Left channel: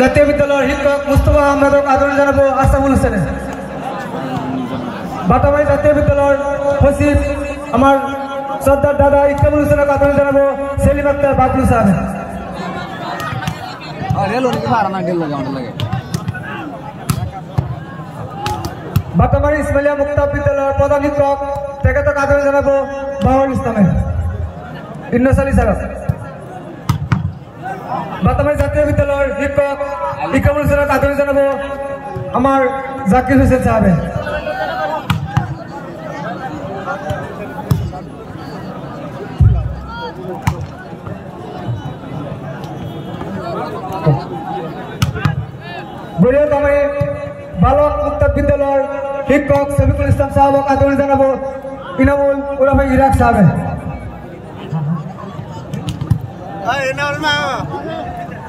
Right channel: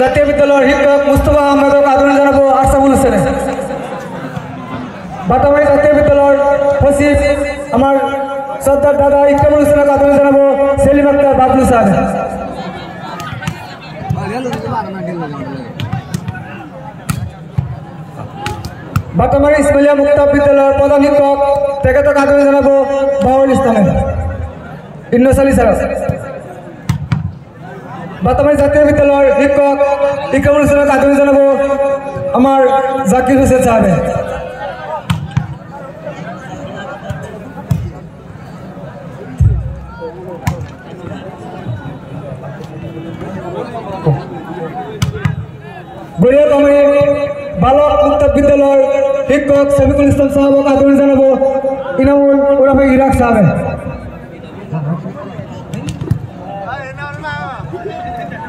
জাতীয় বিদ্যালয়ের শিক্ষক মুস্তফা আহমেদকে আদরণ জানাবো আসামুল হোসেন। বাতাবাড়ি জাতীয় বিদ্যালয়ের সচিব আমার সর্দার দাদা ইকরামুল হোসেনকে আদরণ জানাবো সেলিম আক্তার বাবলু সাহেব। বাতাবাড়ি ইসমাইলিয়া মুক্ত বিদ্যালয়ের প্রধান শিক্ষক তাকে আদরণ জানাবো বাবুল ইসলাম ইন্নস আলী সাহেব। বাতাবাড়ি জাতীয় বিদ্যালয়ের শিক্ষক ইকরামুল হোসেনকে আদরণ জানাবো আমার জাকির হোসেন সাহেব। বালক উত্তর বিদ্যালয়ের শিক্ষক শফিকুল ইসলাম সাহেবকে আদরণ জানাবো ইনামুল ওরফে ইরাক সাহেব।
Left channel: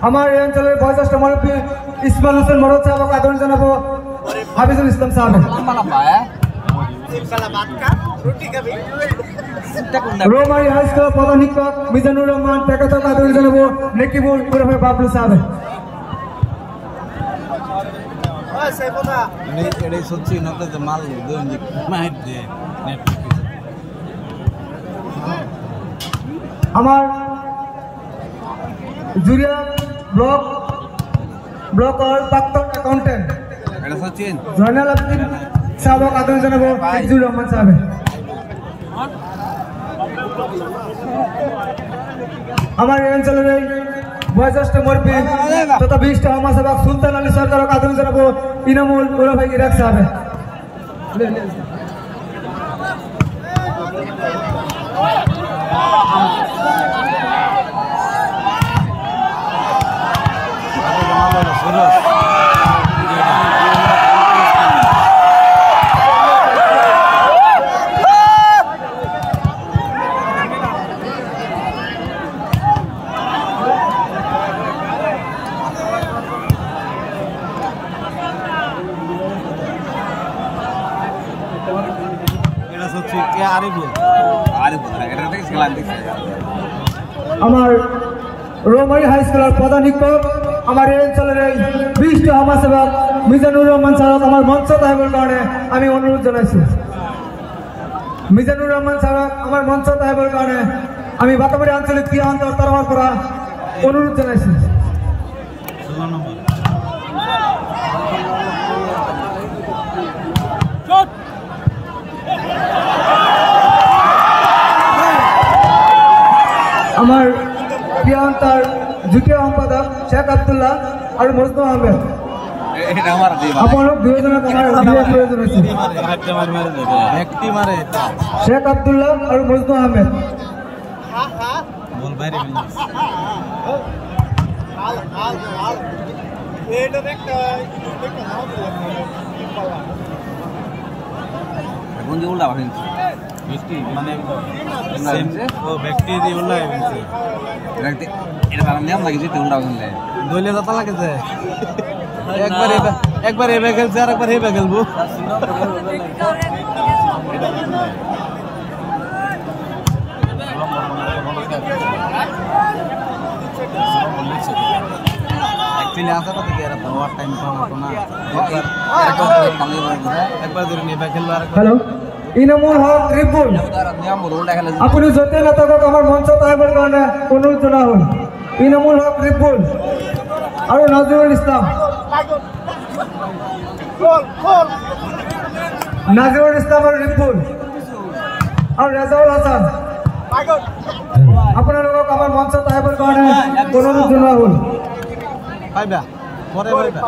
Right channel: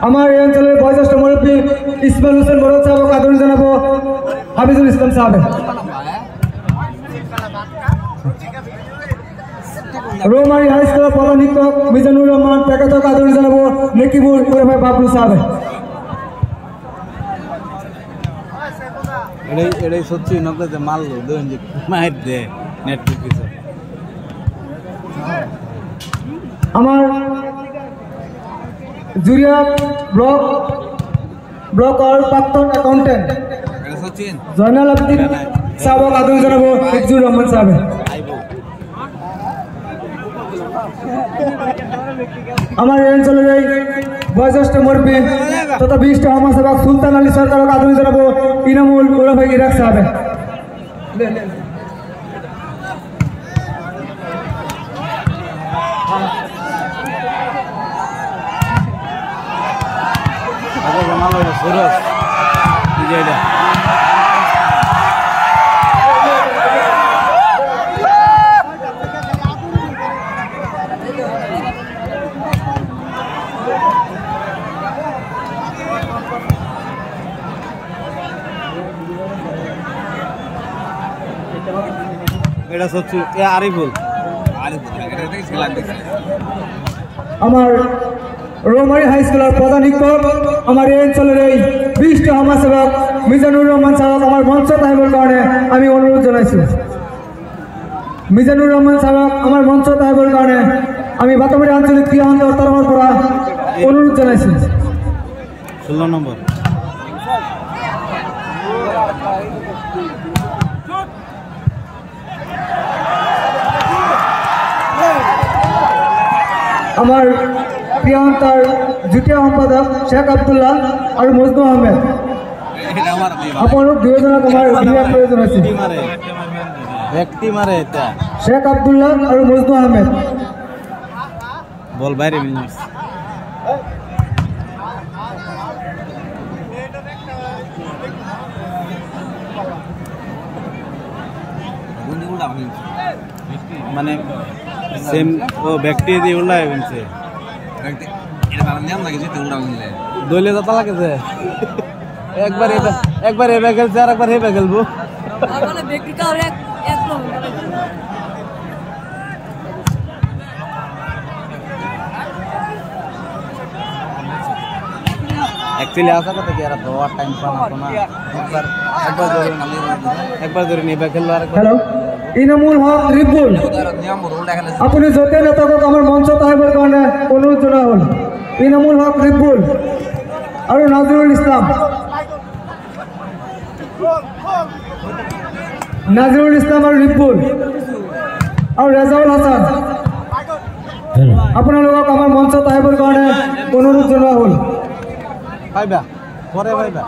আমার এই অঞ্চলের বয়োজ্যেষ্ঠ মুরব্বী ইসমাইল হোসেন বড় সাহেবকে আদরণ জানাবো হাফিজুল ইসলাম সাহেব। রোমানি হাই স্কুলের প্রধান শিক্ষক মিজানুর রহমান তাকে আদরণ জানাবো নেকিবুল ওরফে বাবলু সাহেব। এটাই সত্যি নকলে মারলো দেখুন যে মাইর দে নেটফ্লিক্স। আমার জুরিয়া ব্লক আর প্রাক্তন অ্যাকাউন্টেন্ট এটা সচিন জয়নাল আবেদিন সাহেব আদরণ জানাবো ফিজুর রহমান সাহেব। আমার এই অঞ্চলের বয়োজ্যেষ্ঠ মুরব্বী তথা বিশিষ্ট সমাজসেবক সুলতান আলী সরকারকে আদরণ জানাবো ইনামুল ওরফে ইরাক সাহেব। এটা সত্যি আরিফুল আমার রোমানি হাই স্কুলের প্রধান শিক্ষক আমার এই অঞ্চলের এই বিশিষ্ট সমাজসেবক মিজানুর রহমান সাহেব আমার মঞ্চ তাহেবের কারণে আমি অনুরোধ জানাইছি। মিজানুর রহমান সাহেব আমার মঞ্চ তাহেবের কারণে আমি বাতাবাড়ি আঞ্চলিক ক্রিয়া অন্তর তরফ করা অনুরোধ জানাইছি। 16 নম্বর আমার ক্রিয়া অন্তর যুটীয় সম্পাদক শেখ আব্দুল্লাহ আর মুজদু আহমেদ শেখ আব্দুল্লাহ আর মুজদু আহমেদ বল বাইরে মানে ও ব্যক্তি দিয়ে উল্লাহ হয়েছে এটা তার নিয়ম লাগে যেতে উল্টা কিনলে দলীয় দাতা লাগেছে একবার এবার খেলছে আর একবার হেবে খেলবো। অ্যাকচুয়ালি আসা কথা কি এরা ওভার টাইম পানা না একবার ধরে নেবে খেললো আর একবার ইনামুল হক রিপুল আপনি যতে না থাকুক আমার মঞ্চ তাহেবের কারণে অনুরোধ জানা হল ইনামুল হক রিপুল আর নাজিরুল ইসলাম আর রিপুল আর রেজাউল হাসান আপনার লোক আমার মঞ্চ তাহেবের কারণে অনুরোধ জানা হল ভাইবা পরে ভাইবা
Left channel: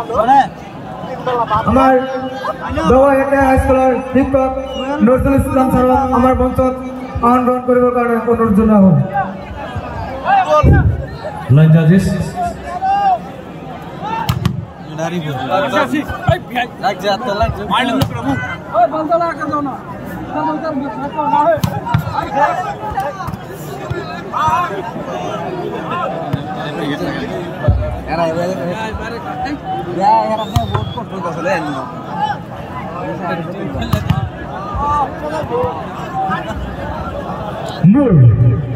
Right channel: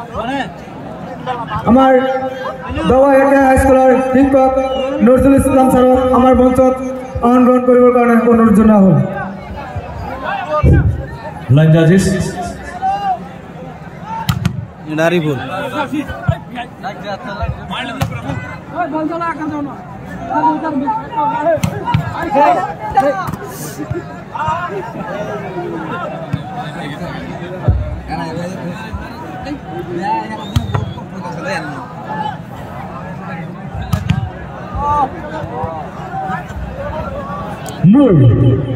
আমার হাই স্কুলের শিক্ষক নজরুল ইসলাম স্যার আমার মঞ্চ আহ্বান গ্রহণ করিবার কারণে অনুরোধ জানা হল। নারিপুর Move.